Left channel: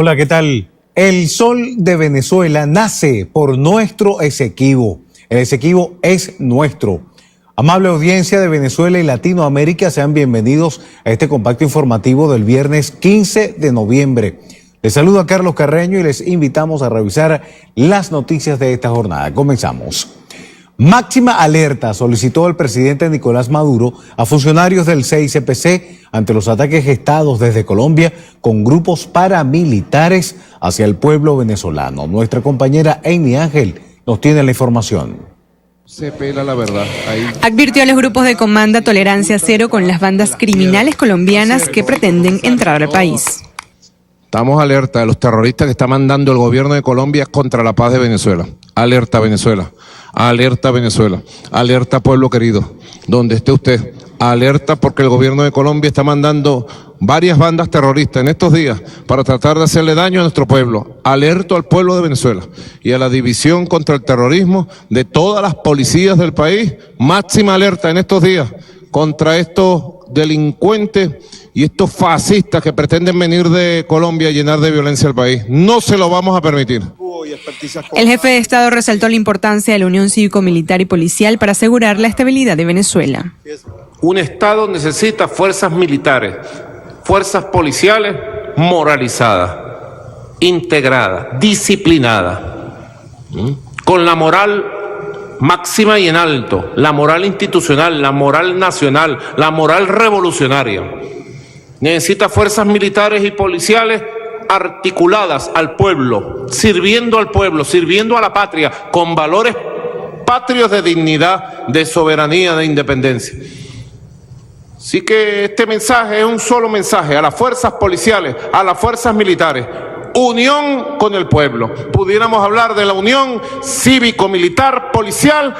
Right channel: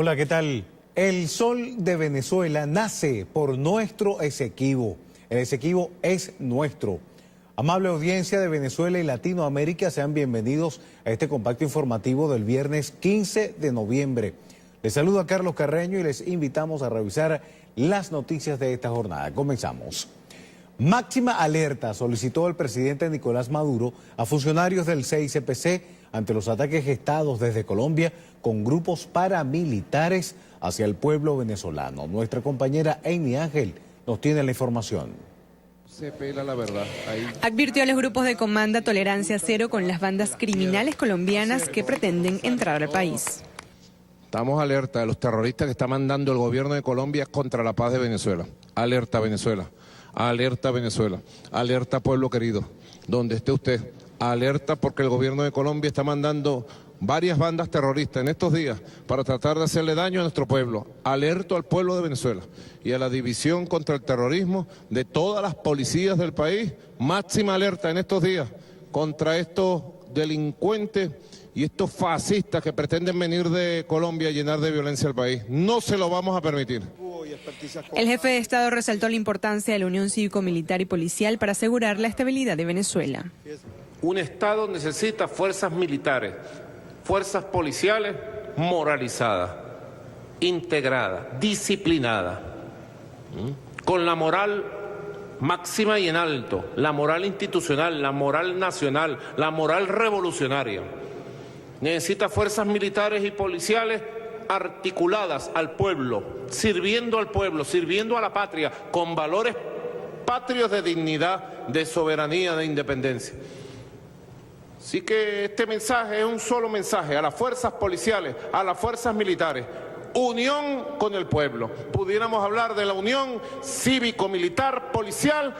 Hola, ¿qué tal? El sol de Venezuela nace por nuestro Esequibo. El Esequibo es nuestro. Amable audiencia de Venezuela y Latinoamérica, sean bienvenidos a este compacto informativo del viernes 15 de noviembre. Les saludo a Carlos Carreño y les invitamos a revisar las noticias de esta jornada. Comenzamos. Máxima alerta solicitó el presidente Nicolás Maduro a funcionarios del CICPC ante los ataques gestados desde Colombia con grupos paramilitares hacia el pueblo venezolano. Nuestra compañera Amy Ángel nos tiene la información. Se pela la verdad. Advirtió a los grupos de Comanda Tolerancia Cero con las bandas criminales colombianas que pretenden entrar al país. Estamos alerta de los terroristas que está mandando el gobierno de Colombia contra la paz de Venezuela. Alerta Venezuela, alerta Venezuela, alerta pueblo querido, donde esté usted. Alerta porque el gobierno de Colombia está mandando varias bandas terroristas en estos días para tratar de hacerle daño a nuestro pueblo. Alerto al pueblo de Venezuela y a la división contra el terrorismo de todas las policías del país. Máxima alerta en estos días contra estos delincuentes y estos fascistas que pretenden venir de Colombia a llenar de violencia al país. No se lo vamos a permitir. El jefe de Estado resaltó la importancia de la unión cívico-militar y policial para asegurar la estabilidad de Venezuela. Un Estado necesita fuerzas militares, fuerzas policiales moralizadas, integradas, disciplinadas, con la moral máxima y en alto, la moral institucional, la moral nacional, la moral revolucionaria. Necesita fuerzas militares y policiales articuladas al pueblo, sirviendo a la patria, con valores patrios de dignidad, de soberanía, de independencia. Así que este mensaje es un solo mensaje a las fuerzas policiales, a las fuerzas militares. Unión con el pueblo. Pudiéramos hablar de la unión cívico-militar, policial,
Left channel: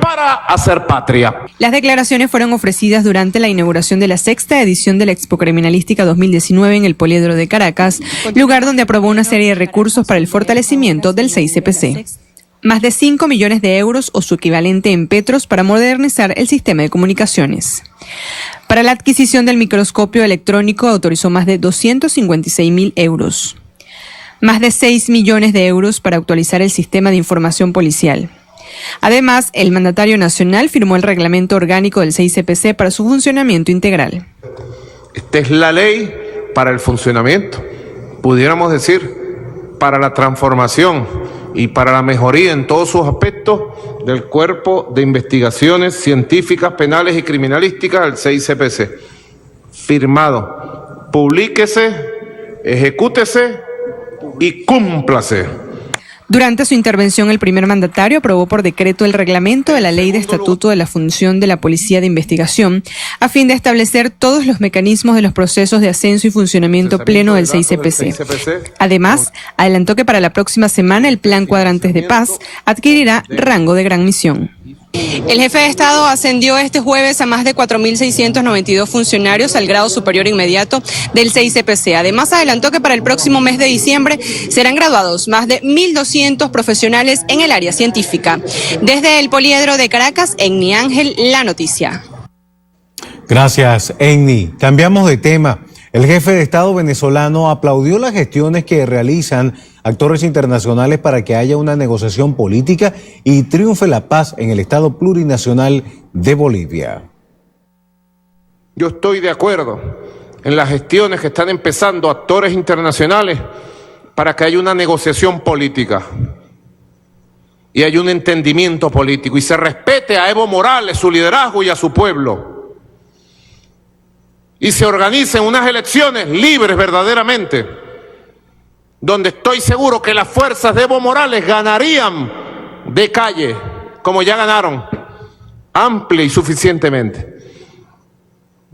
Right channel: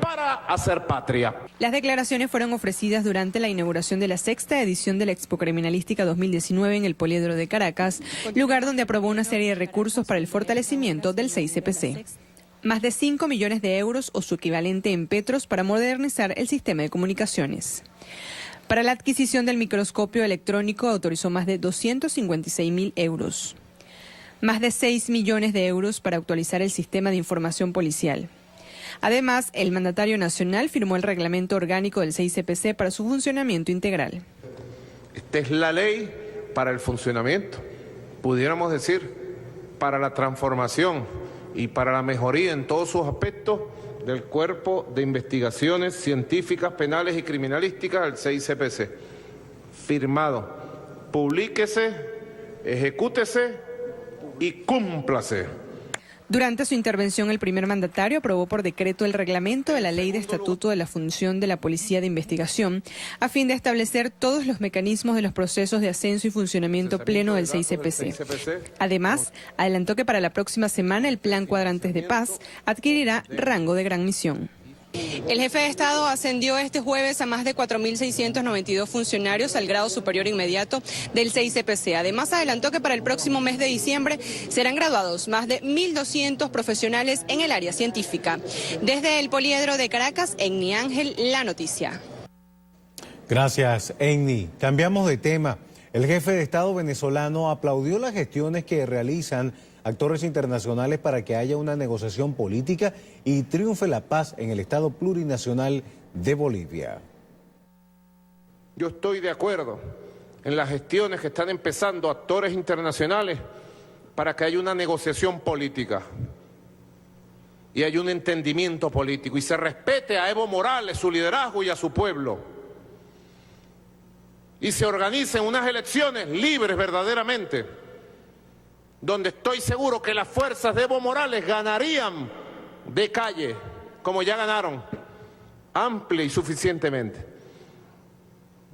para hacer patria. Las declaraciones fueron ofrecidas durante la inauguración de la 6ª edición de la Expo Criminalística 2019 en el Poliedro de Caracas, lugar donde aprobó una serie de recursos para el fortalecimiento del CICPC. Más de 5 millones de euros o su equivalente en petros para modernizar el sistema de comunicaciones. Para la adquisición del microscopio electrónico autorizó más de 256.000 euros. Más de 6 millones de euros para actualizar el sistema de información policial. Además, el mandatario nacional firmó el reglamento orgánico del CICPC para su funcionamiento integral. Esta es la ley para el funcionamiento, pudiéramos decir, para la transformación y para la mejoría en todos sus aspectos del Cuerpo de Investigaciones Científicas, Penales y Criminalísticas del CICPC. Firmado. Publíquese, ejecútese y cúmplase. Durante su intervención, el primer mandatario aprobó por decreto el reglamento de la Ley de Estatuto de la Función de la Policía de Investigación, a fin de establecer todos los mecanismos de los procesos de ascenso y funcionamiento pleno del CICPC. Además, adelantó que para la próxima semana el Plan Cuadrantes de Paz adquirirá rango de gran misión. El jefe de Estado ascendió este jueves a más de 4.692 funcionarios al grado superior inmediato del CICPC. Además, adelantó que para el próximo mes de diciembre serán graduados más de 1.200 profesionales en el área científica. Desde el Poliedro de Caracas, Amy Ángel, La Noticia. Gracias, Amy. Cambiamos de tema. El jefe de Estado venezolano aplaudió las gestiones que realizan actores internacionales para que haya una negociación política y triunfe la paz en el Estado plurinacional de Bolivia. Yo estoy de acuerdo en las gestiones que están empezando actores internacionales para que haya una negociación política y haya un entendimiento político y se respete a Evo Morales, su liderazgo y a su pueblo. Y se organicen unas elecciones libres verdaderamente, donde estoy seguro que las fuerzas de Evo Morales ganarían de calle, como ya ganaron, amplia y suficientemente.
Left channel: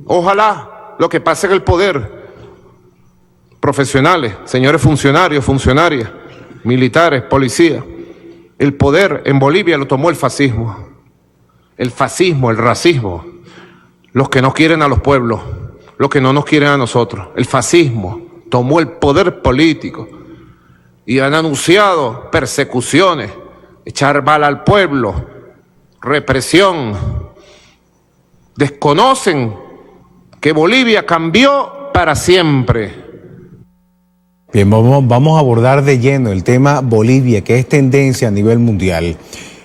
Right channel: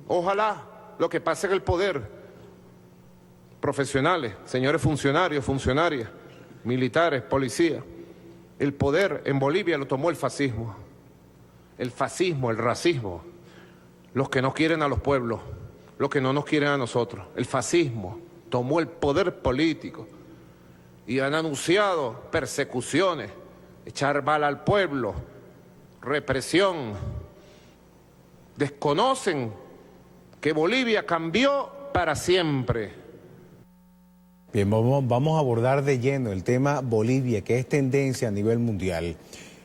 Ojalá lo que pase en el poder, profesionales, señores funcionarios, funcionarias, militares, policías, el poder en Bolivia lo tomó el fascismo, el racismo, los que no quieren a los pueblos, los que no nos quieren a nosotros. El fascismo tomó el poder político y han anunciado persecuciones, echar bala al pueblo, represión. Desconocen que Bolivia cambió para siempre. Bien, vamos a abordar de lleno el tema Bolivia, que es tendencia a nivel mundial.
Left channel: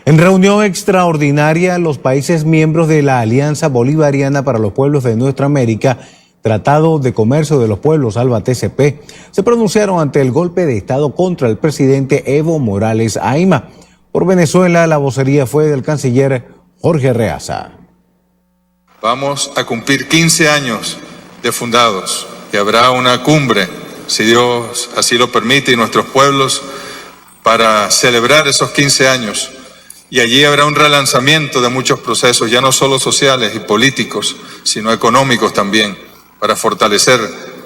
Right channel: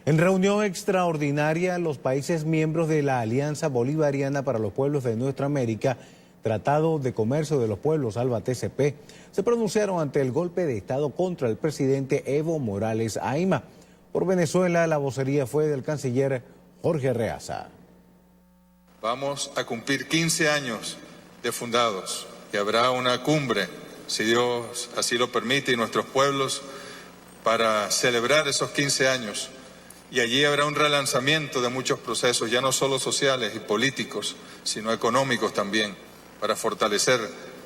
En reunión extraordinaria, los países miembros de la Alianza Bolivariana para los Pueblos de Nuestra América, Tratado de Comercio de los Pueblos, ALBA-TCP, se pronunciaron ante el golpe de Estado contra el presidente Evo Morales Ayma. Por Venezuela, la vocería fue del canciller Jorge Arreaza. Vamos a cumplir 15 años de fundados y habrá una cumbre, si Dios así lo permite, y nuestros pueblos, para celebrar esos 15 años. Y allí habrá un relanzamiento de muchos procesos, ya no solo sociales y políticos, sino económicos también, para fortalecer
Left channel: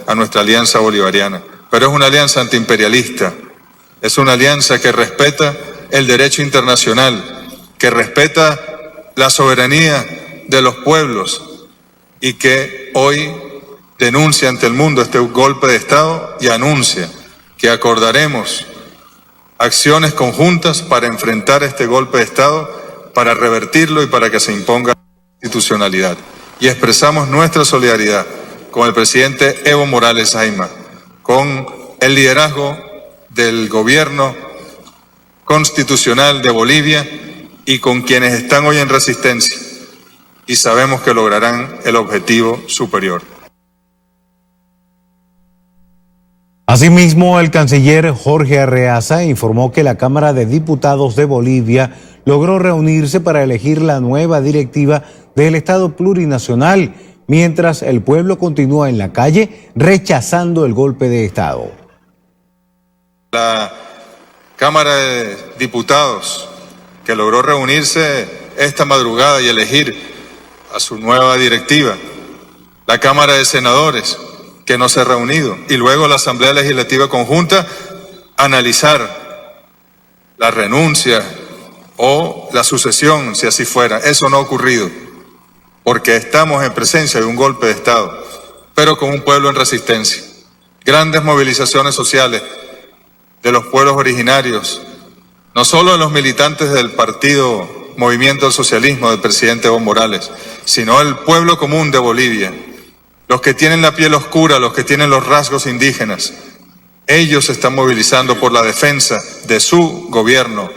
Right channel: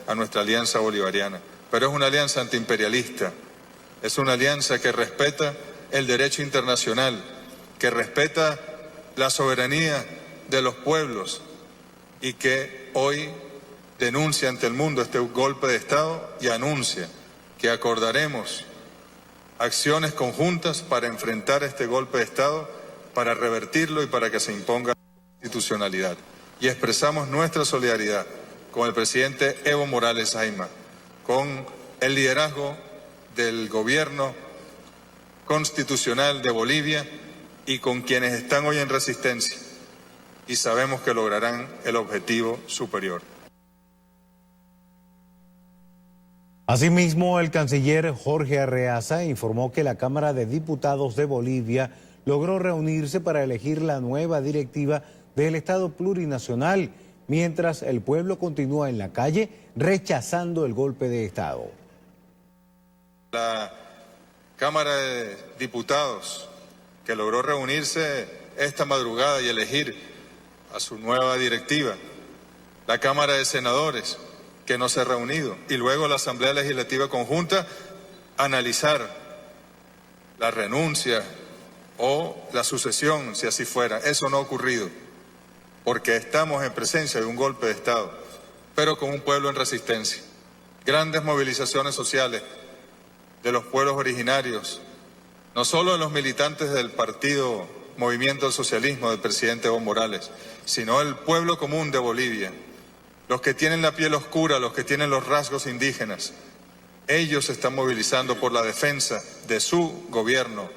a nuestra alianza bolivariana. Pero es una alianza antiimperialista, es una alianza que respeta el derecho internacional, que respeta la soberanía de los pueblos y que hoy denuncia ante el mundo este golpe de Estado y anuncia que acordaremos acciones conjuntas para enfrentar este golpe de Estado, para revertirlo y para que se imponga institucionalidad. Y expresamos nuestra solidaridad con el presidente Evo Morales Ayma, con el liderazgo del gobierno constitucional de Bolivia y con quienes están hoy en resistencia y sabemos que lograrán el objetivo superior. Asimismo, el canciller Jorge Arreaza informó que la Cámara de Diputados de Bolivia logró reunirse para elegir la nueva directiva del Estado plurinacional, mientras el pueblo continúa en la calle rechazando el golpe de Estado. La Cámara de Diputados, que logró reunirse esta madrugada y elegir a su nueva directiva, la Cámara de Senadores, que no se ha reunido, y luego la Asamblea Legislativa Conjunta, analizar la renuncia o la sucesión, si así fuera. Eso no ha ocurrido, porque estamos en presencia de un golpe de Estado, pero con un pueblo en resistencia. Grandes movilizaciones sociales de los pueblos originarios, no solo de los militantes del partido Movimiento del Socialismo del presidente Evo Morales, sino el pueblo común de Bolivia, los que tienen la piel oscura, los que tienen los rasgos indígenas. Ellos se están movilizando por la defensa de su gobierno.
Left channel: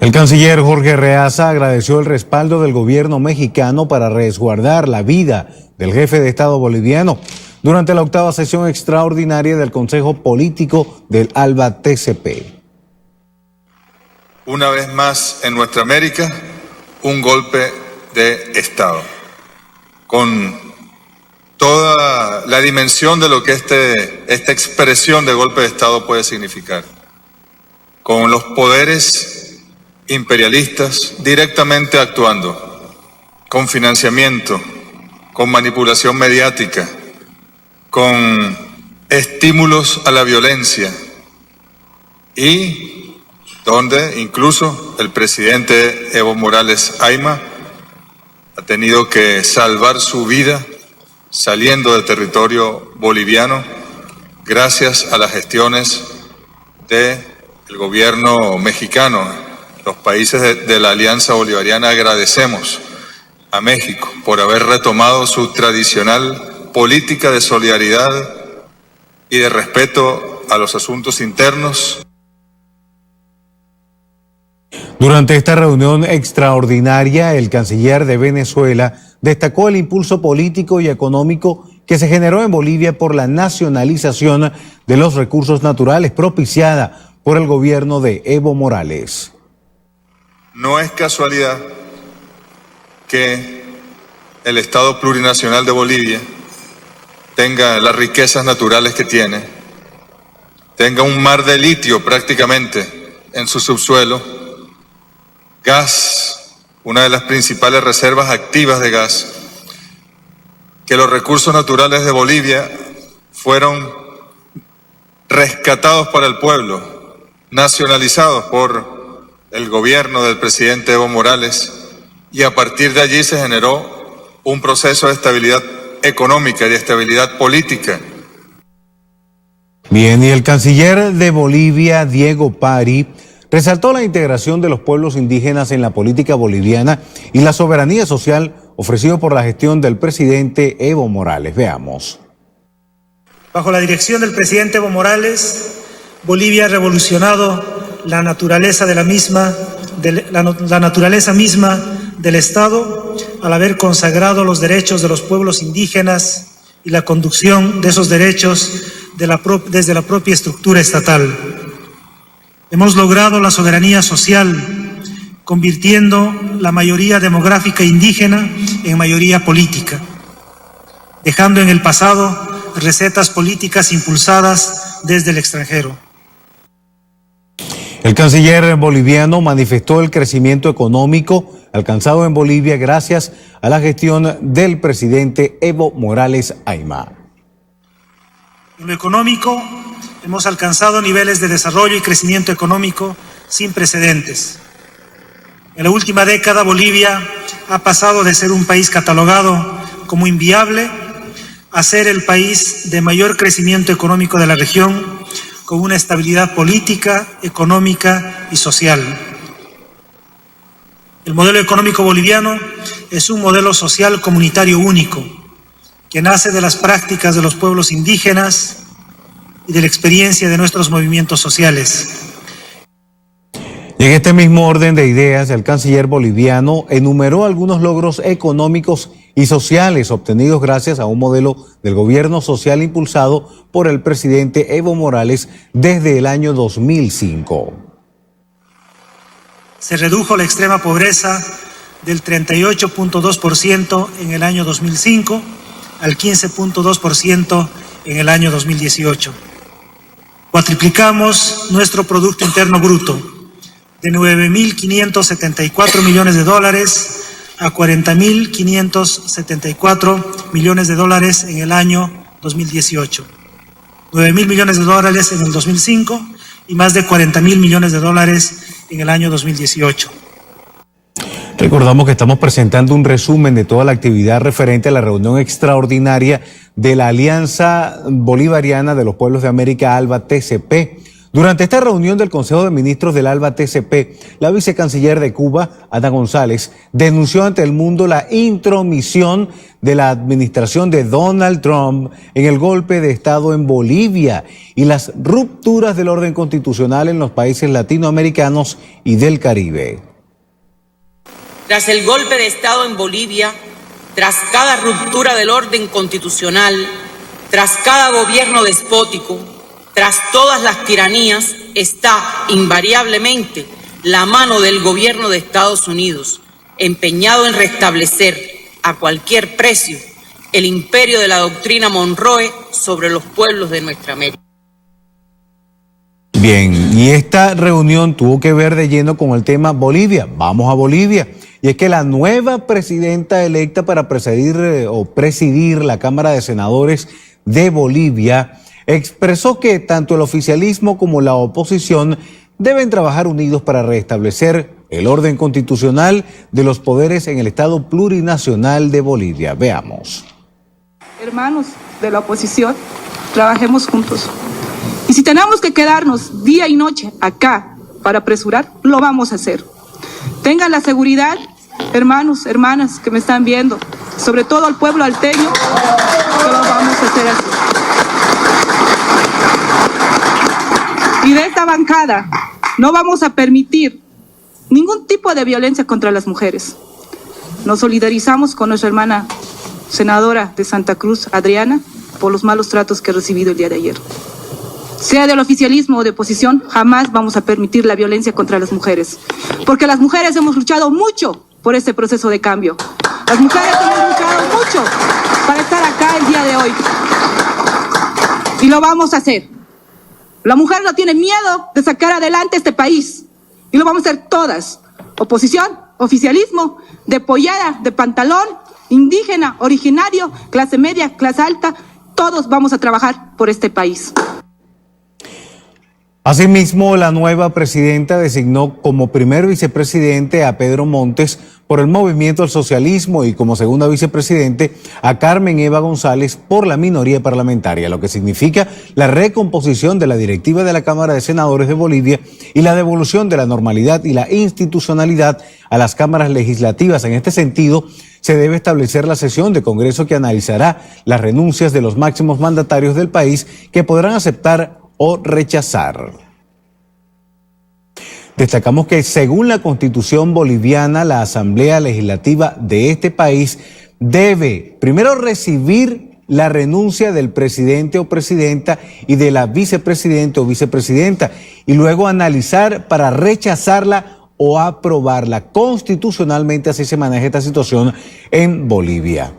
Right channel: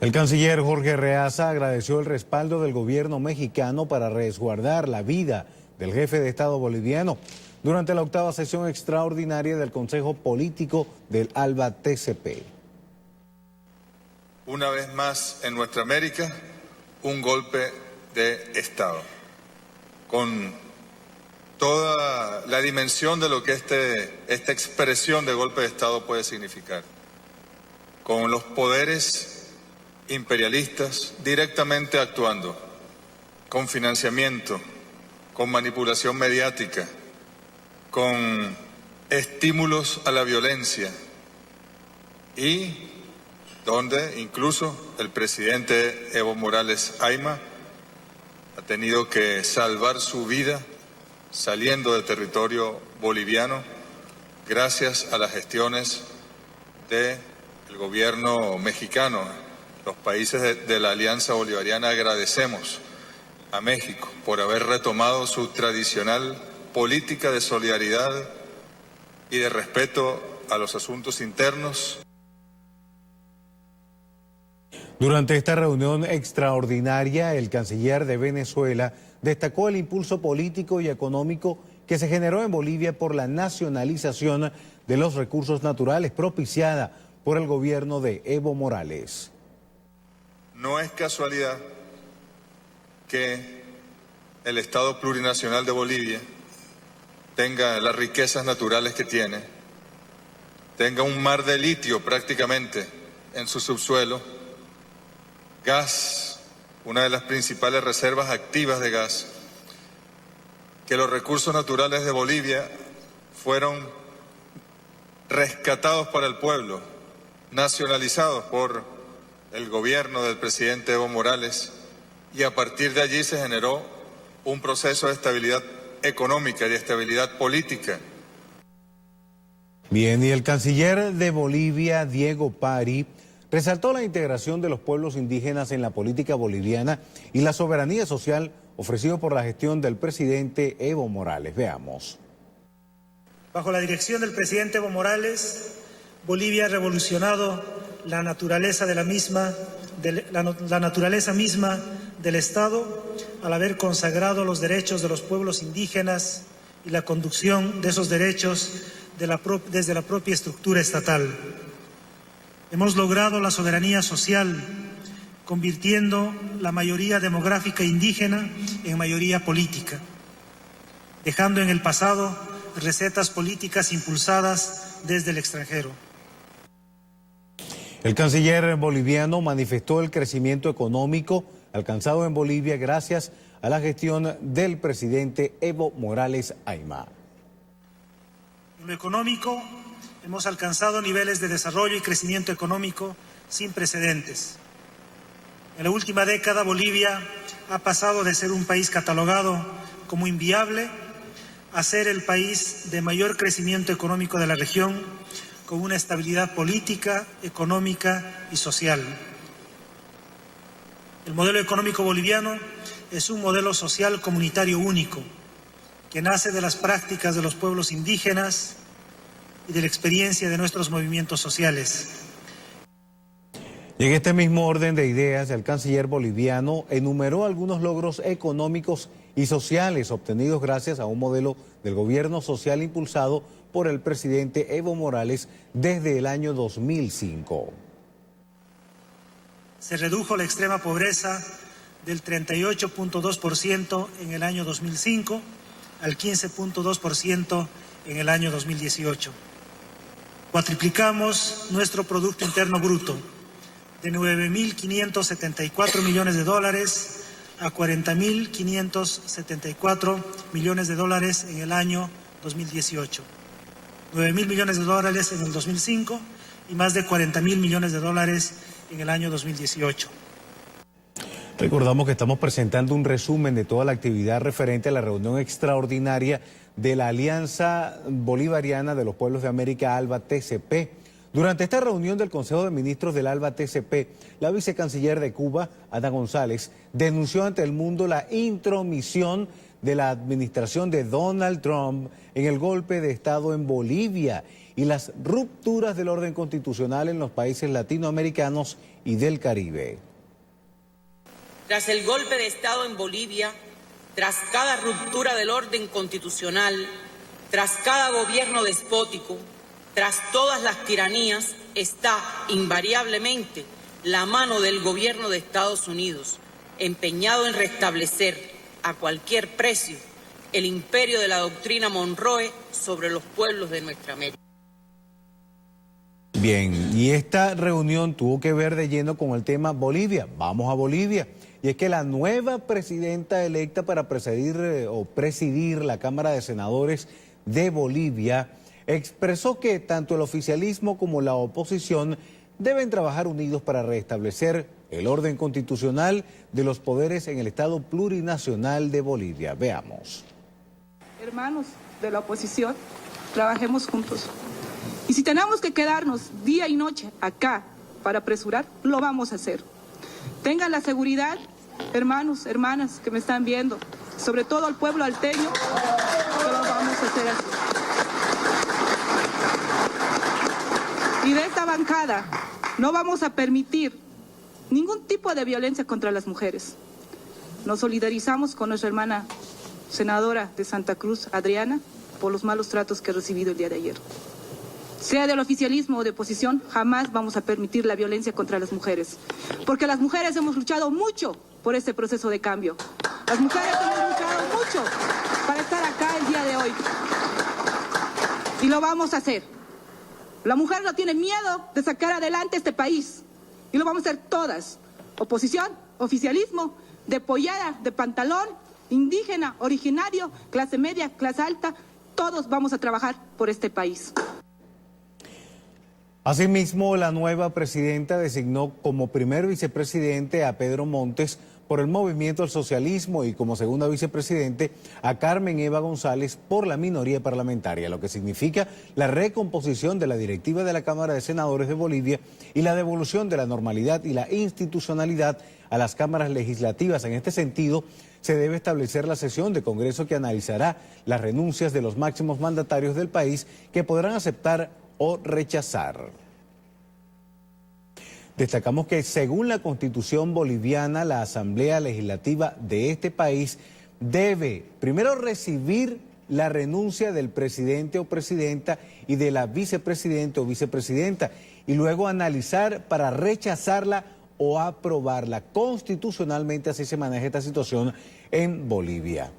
El canciller Jorge Arreaza agradeció el respaldo del gobierno mexicano para resguardar la vida del jefe de Estado boliviano durante la 8ª sesión extraordinaria del Consejo Político del ALBA-TCP. Una vez más en nuestra América, un golpe de Estado, con toda la dimensión de lo que esta expresión de golpe de Estado puede significar, con los poderes imperialistas directamente actuando, con financiamiento, con manipulación mediática, con estímulos a la violencia y donde incluso el presidente Evo Morales Ayma ha tenido que salvar su vida saliendo del territorio boliviano gracias a las gestiones del gobierno mexicano. Los países de la Alianza Bolivariana agradecemos a México por haber retomado su tradicional política de solidaridad y de respeto a los asuntos internos. Durante esta reunión extraordinaria, el canciller de Venezuela destacó el impulso político y económico que se generó en Bolivia por la nacionalización de los recursos naturales propiciada por el gobierno de Evo Morales. No es casualidad que el Estado plurinacional de Bolivia tenga las riquezas naturales que tiene, tenga un mar de litio prácticamente en su subsuelo, gas, una de las principales reservas activas de gas, que los recursos naturales de Bolivia fueron rescatados para el pueblo, nacionalizados por el gobierno del presidente Evo Morales, y a partir de allí se generó un proceso de estabilidad económica y de estabilidad política. Bien, y el canciller de Bolivia, Diego Pari, resaltó la integración de los pueblos indígenas en la política boliviana y la soberanía social ofrecido por la gestión del presidente Evo Morales. Veamos. Bajo la dirección del presidente Evo Morales, Bolivia ha revolucionado la naturaleza misma del Estado al haber consagrado los derechos de los pueblos indígenas y la conducción de esos derechos desde la propia estructura estatal. Hemos logrado la soberanía social, convirtiendo la mayoría demográfica indígena en mayoría política, dejando en el pasado recetas políticas impulsadas desde el extranjero. El canciller boliviano manifestó el crecimiento económico alcanzado en Bolivia gracias a la gestión del presidente Evo Morales Ayma. En lo económico, hemos alcanzado niveles de desarrollo y crecimiento económico sin precedentes. En la última década, Bolivia ha pasado de ser un país catalogado como inviable a ser el país de mayor crecimiento económico de la región, con una estabilidad política, económica y social. El modelo económico boliviano es un modelo social comunitario único, que nace de las prácticas de los pueblos indígenas y de la experiencia de nuestros movimientos sociales. Y en este mismo orden de ideas, el canciller boliviano enumeró algunos logros económicos y sociales obtenidos gracias a un modelo del gobierno social impulsado por el presidente Evo Morales desde el año 2005. Se redujo la extrema pobreza del 38.2% en el año 2005 al 15.2% en el año 2018. Cuatriplicamos nuestro Producto Interno Bruto de 9.574 millones de dólares a 40.574 millones de dólares en el año 2018. 9.000 millones de dólares en el 2005 y más de 40.000 millones de dólares en el año 2018. Recordamos que estamos presentando un resumen de toda la actividad referente a la reunión extraordinaria de la Alianza Bolivariana de los Pueblos de América, ALBA TCP. Durante esta reunión del Consejo de Ministros del ALBA TCP, la vicecanciller de Cuba, Ana González, denunció ante el mundo la intromisión de la administración de Donald Trump en el golpe de Estado en Bolivia y las rupturas del orden constitucional en los países latinoamericanos y del Caribe. Tras el golpe de Estado en Bolivia, tras cada ruptura del orden constitucional, tras cada gobierno despótico, tras todas las tiranías, está invariablemente la mano del gobierno de Estados Unidos, empeñado en restablecer a cualquier precio el imperio de la doctrina Monroe sobre los pueblos de nuestra América. Bien, y esta reunión tuvo que ver de lleno con el tema Bolivia. Vamos a Bolivia. Y es que la nueva presidenta electa para presidir la Cámara de Senadores de Bolivia expresó que tanto el oficialismo como la oposición deben trabajar unidos para restablecer el orden constitucional de los poderes en el Estado plurinacional de Bolivia. Veamos. Hermanos de la oposición, trabajemos juntos. Y si tenemos que quedarnos día y noche acá para apresurar, lo vamos a hacer. Tengan la seguridad, hermanos, hermanas que me están viendo, sobre todo al pueblo alteño, que lo vamos a hacer así. Y de esta bancada no vamos a permitir ningún tipo de violencia contra las mujeres. Nos solidarizamos con nuestra hermana senadora de Santa Cruz, Adriana, por los malos tratos que ha recibido el día de ayer. Sea del oficialismo o de oposición, jamás vamos a permitir la violencia contra las mujeres. Porque las mujeres hemos luchado mucho por este proceso de cambio. Las mujeres hemos luchado mucho para estar acá el día de hoy. Y lo vamos a hacer. La mujer no tiene miedo de sacar adelante este país. Y lo vamos a hacer todas. Oposición, oficialismo, de pollera, de pantalón, indígena, originario, clase media, clase alta. Todos vamos a trabajar por este país. Asimismo, la nueva presidenta designó como primer vicepresidente a Pedro Montes por el Movimiento al Socialismo y como segunda vicepresidente a Carmen Eva González por la minoría parlamentaria, lo que significa la recomposición de la directiva de la Cámara de Senadores de Bolivia y la devolución de la normalidad y la institucionalidad a las cámaras legislativas. En este sentido, se debe establecer la sesión de Congreso que analizará las renuncias de los máximos mandatarios del país que podrán aceptar o rechazar. Destacamos que según la Constitución boliviana, la Asamblea Legislativa de este país debe primero recibir la renuncia del presidente o presidenta y de la vicepresidente o vicepresidenta y luego analizar para rechazarla o aprobarla. Constitucionalmente así se maneja esta situación en Bolivia.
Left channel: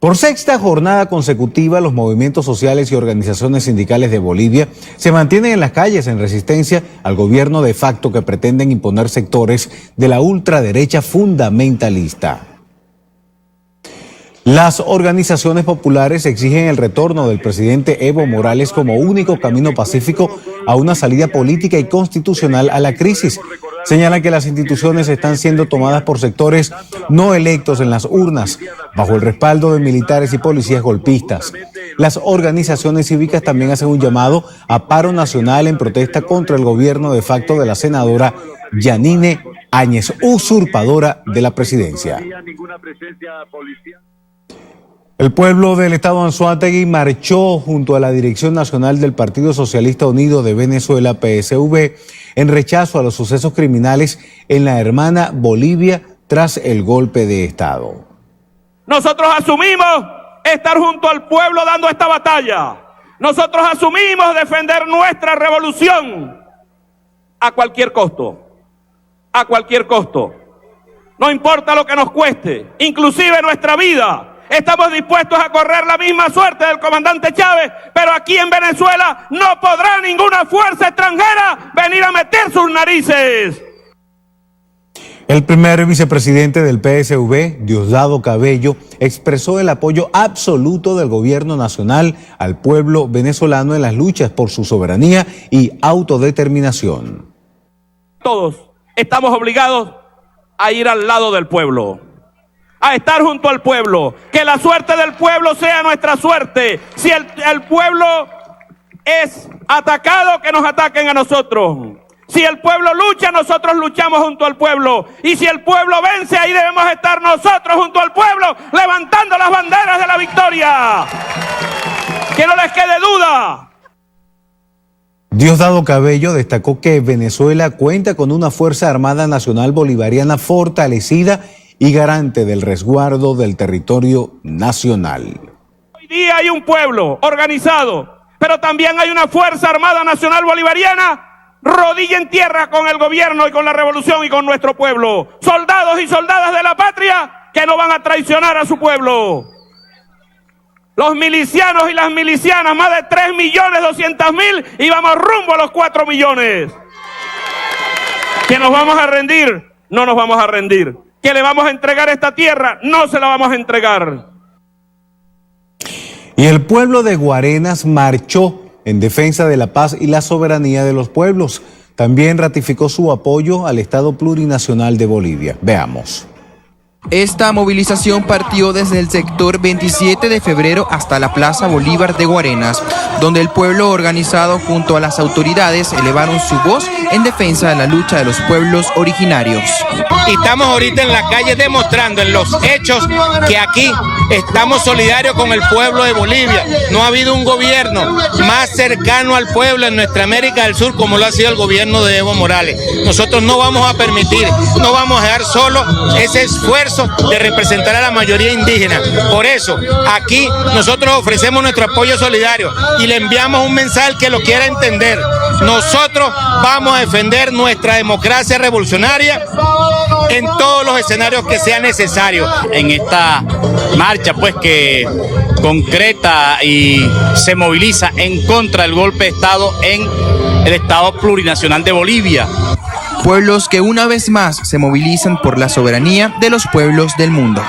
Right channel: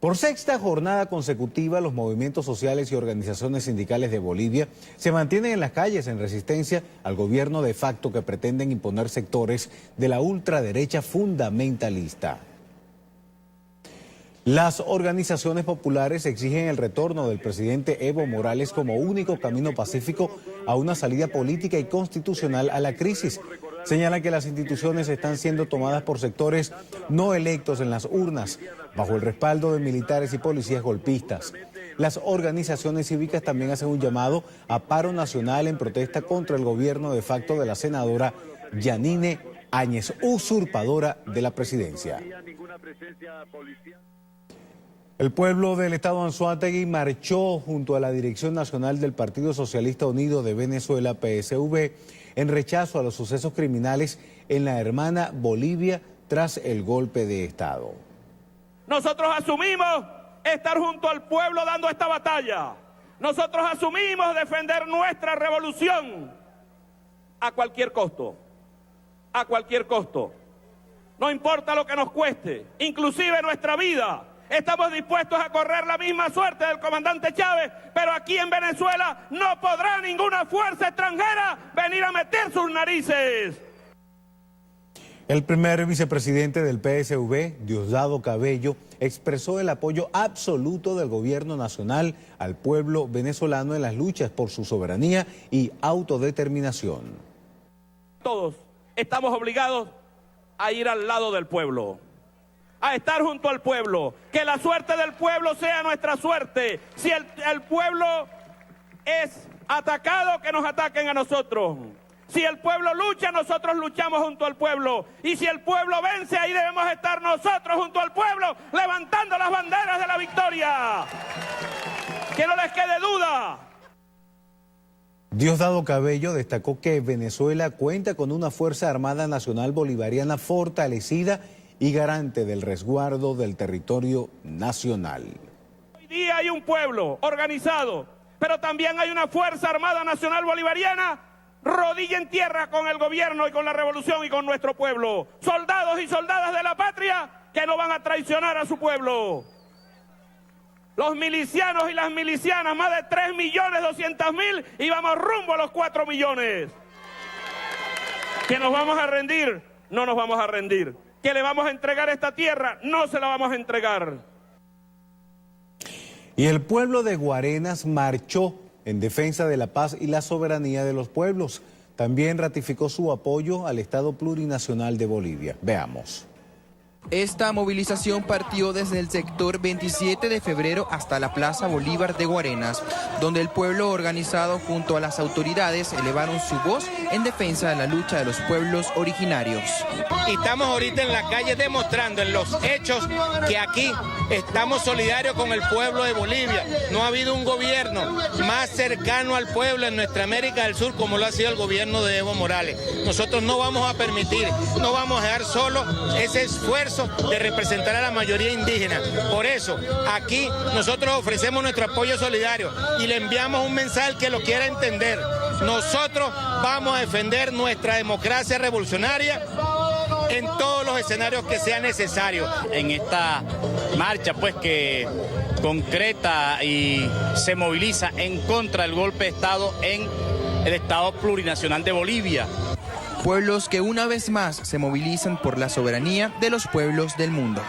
Por sexta jornada consecutiva, los movimientos sociales y organizaciones sindicales de Bolivia se mantienen en las calles en resistencia al gobierno de facto que pretenden imponer sectores de la ultraderecha fundamentalista. Las organizaciones populares exigen el retorno del presidente Evo Morales como único camino pacífico a una salida política y constitucional a la crisis. Señalan que las instituciones están siendo tomadas por sectores no electos en las urnas, bajo el respaldo de militares y policías golpistas. Las organizaciones cívicas también hacen un llamado a paro nacional en protesta contra el gobierno de facto de la senadora Yanine Áñez, usurpadora de la presidencia. El pueblo del estado Anzoátegui marchó junto a la Dirección Nacional del Partido Socialista Unido de Venezuela, PSV, en rechazo a los sucesos criminales en la hermana Bolivia tras el golpe de Estado. Nosotros asumimos estar junto al pueblo dando esta batalla. Nosotros asumimos defender nuestra revolución a cualquier costo. A cualquier costo. No importa lo que nos cueste, inclusive nuestra vida. Estamos dispuestos a correr la misma suerte del comandante Chávez, pero aquí en Venezuela no podrá ninguna fuerza extranjera venir a meter sus narices. El primer vicepresidente del PSV, Diosdado Cabello, expresó el apoyo absoluto del gobierno nacional al pueblo venezolano en las luchas por su soberanía y autodeterminación. Todos estamos obligados a ir al lado del pueblo, a estar junto al pueblo, que la suerte del pueblo sea nuestra suerte. Si el pueblo es atacado, que nos ataquen a nosotros. Si el pueblo lucha, nosotros luchamos junto al pueblo. Y si el pueblo vence, ahí debemos estar nosotros junto al pueblo, levantando las banderas de la victoria. Que no les quede duda. Diosdado Cabello destacó que Venezuela cuenta con una Fuerza Armada Nacional Bolivariana fortalecida y garante del resguardo del territorio nacional. Hoy día hay un pueblo organizado, pero también hay una Fuerza Armada Nacional Bolivariana rodilla en tierra con el gobierno y con la revolución y con nuestro pueblo. Soldados y soldadas de la patria que no van a traicionar a su pueblo. Los milicianos y las milicianas, más de 3.200.000 y vamos rumbo a los 4 millones. ¿Que nos vamos a rendir? No nos vamos a rendir. ¿Que le vamos a entregar esta tierra? No se la vamos a entregar. Y el pueblo de Guarenas marchó en defensa de la paz y la soberanía de los pueblos. También ratificó su apoyo al Estado Plurinacional de Bolivia. Veamos. Esta movilización partió desde el sector 27 de febrero hasta la Plaza Bolívar de Guarenas, donde el pueblo organizado junto a las autoridades elevaron su voz en defensa de la lucha de los pueblos originarios. Estamos ahorita en la calle demostrando en los hechos que aquí estamos solidarios con el pueblo de Bolivia. No ha habido un gobierno más cercano al pueblo en nuestra América del Sur como lo ha sido el gobierno de Evo Morales. Nosotros no vamos a permitir, no vamos a dejar solo ese esfuerzo de representar a la mayoría indígena. Por eso, aquí nosotros ofrecemos nuestro apoyo solidario y le enviamos un mensaje que lo quiera entender. Nosotros vamos a defender nuestra democracia revolucionaria en todos los escenarios que sea necesario. En esta marcha, pues, que concreta y se moviliza en contra del golpe de Estado en el Estado Plurinacional de Bolivia. Pueblos que una vez más se movilizan por la soberanía de los pueblos del mundo.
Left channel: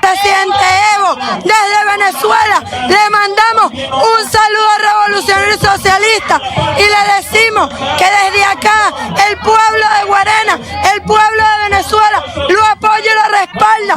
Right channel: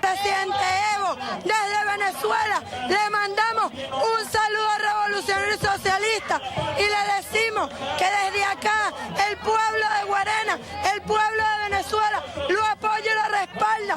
Presidente Evo, desde Venezuela Venezuela, le mandamos un saludo revolucionario y socialista y le decimos que desde acá el pueblo de Guarena, el pueblo de Venezuela lo apoya y lo respalda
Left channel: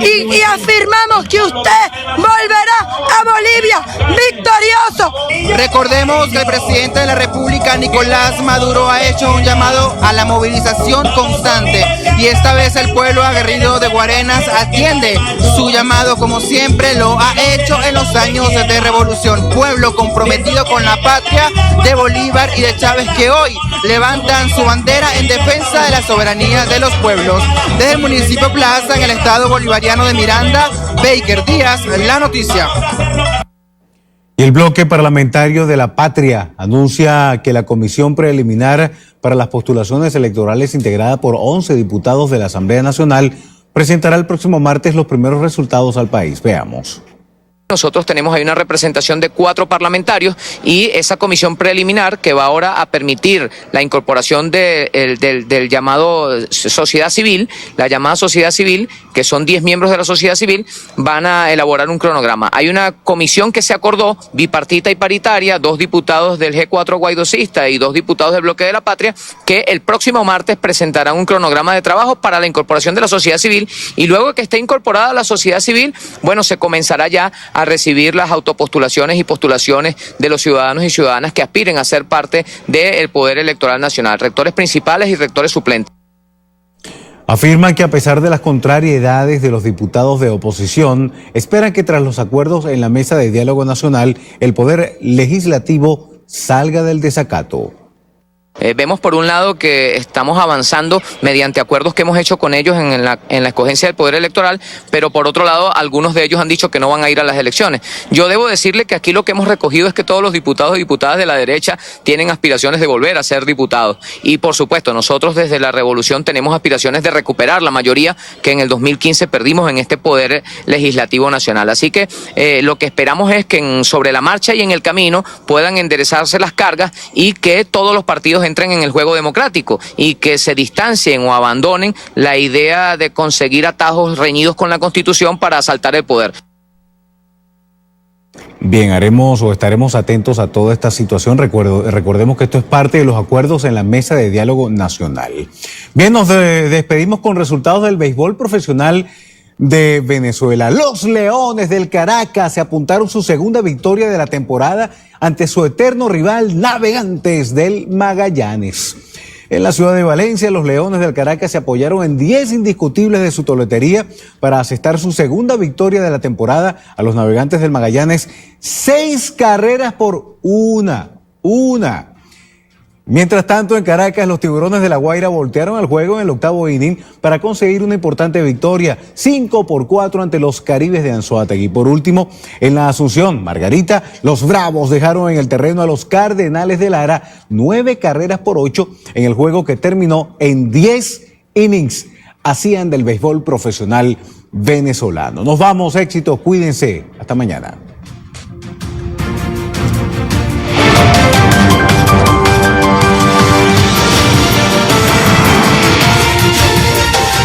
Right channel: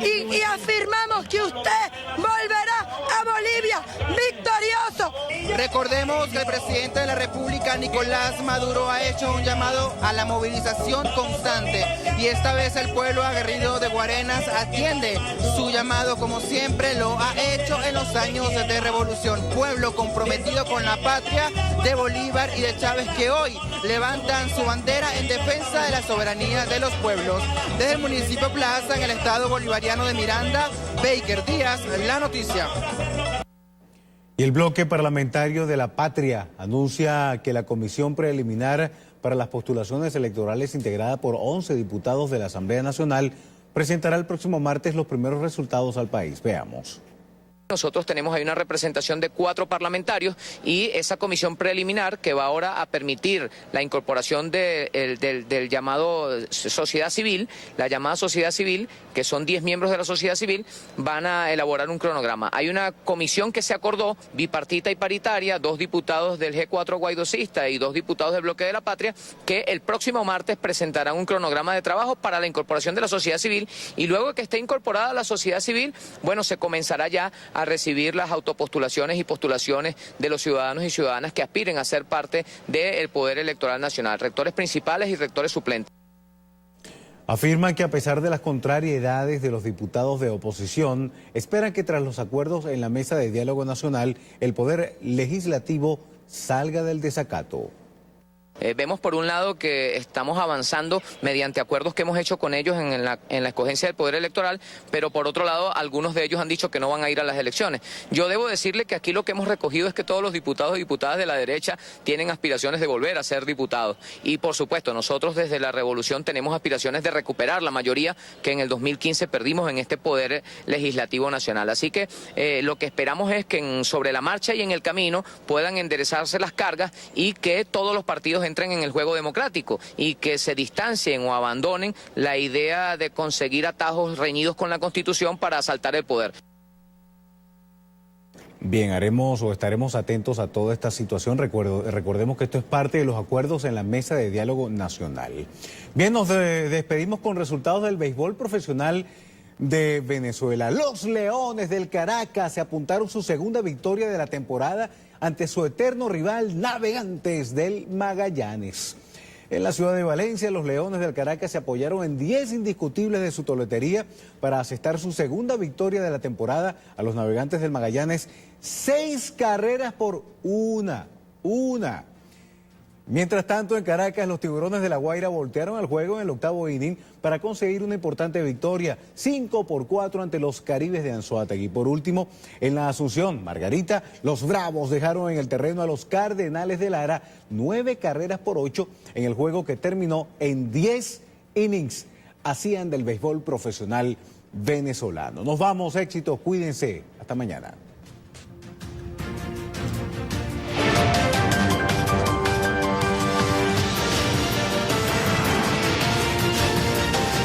y afirmamos que usted volverá a Bolivia victorioso. Recordemos que el presidente de la República, Nicolás Maduro, ha hecho un llamado a la movilización constante y esta vez el pueblo aguerrido de Guarenas atiende su llamado como siempre lo ha hecho en los años de revolución. Pueblo comprometido con la patria de Bolívar y de Chávez que hoy levantan su bandera en defensa de la soberanía de los pueblos. Desde el municipio Plaza, en el estado bolivariano de Miranda, Baker Díaz, La Noticia. Y el bloque parlamentario de la Patria anuncia que la comisión preliminar para las postulaciones electorales integrada por 11 diputados de la Asamblea Nacional presentará el próximo martes los primeros resultados al país. Veamos. Nosotros tenemos ahí una representación de 4 parlamentarios y esa comisión preliminar que va ahora a permitir la incorporación del llamado sociedad civil, la llamada sociedad civil, que son 10 miembros de la sociedad civil, van a elaborar un cronograma. Hay una comisión que se acordó, bipartita y paritaria, 2 diputados del G4 guaidocista y 2 diputados del Bloque de la Patria, que el próximo martes presentarán un cronograma de trabajo para la incorporación de la sociedad civil y luego de que esté incorporada la sociedad civil, bueno, se comenzará ya a recibir las autopostulaciones y postulaciones de los ciudadanos y ciudadanas que aspiren a ser parte del Poder Electoral Nacional, rectores principales y rectores suplentes. Afirman que a pesar de las contrariedades de los diputados de oposición, esperan que tras los acuerdos en la Mesa de Diálogo Nacional, el Poder Legislativo salga del desacato. Vemos por un lado que estamos avanzando mediante acuerdos que hemos hecho con ellos en la escogencia del Poder Electoral, pero por otro lado algunos de ellos han dicho que no van a ir a las elecciones. Yo debo decirle que aquí lo que hemos recogido es que todos los diputados y diputadas de la derecha tienen aspiraciones de volver a ser diputados y por supuesto nosotros desde la Revolución tenemos aspiraciones de recuperar la mayoría que en el 2015 perdimos en este Poder Legislativo Nacional. Así que lo que esperamos es que sobre la marcha y en el camino puedan enderezarse las cargas y que todos los partidos entren en el juego democrático y que se distancien o abandonen la idea de conseguir atajos reñidos con la Constitución para asaltar el poder. Bien, estaremos atentos a toda esta situación. Recordemos que esto es parte de los acuerdos en la Mesa de Diálogo Nacional. Bien, nos despedimos con resultados del béisbol profesional de Venezuela. Los Leones del Caracas se apuntaron su segunda victoria de la temporada ante su eterno rival Navegantes del Magallanes. En la ciudad de Valencia, los Leones del Caracas se apoyaron en 10 indiscutibles de su toletería para asestar su segunda victoria de la temporada a los Navegantes del Magallanes, 6 carreras por una. Mientras tanto, en Caracas, los Tiburones de La Guaira voltearon al juego en el 8º inning para conseguir una importante victoria, 5-4 ante los Caribes de Anzoátegui. Por último, en la Asunción, Margarita, los Bravos dejaron en el terreno a los Cardenales de Lara 9 carreras por 8 en el juego que terminó en 10 innings. Hacían del béisbol profesional venezolano. Nos vamos, éxitos, cuídense. Hasta mañana.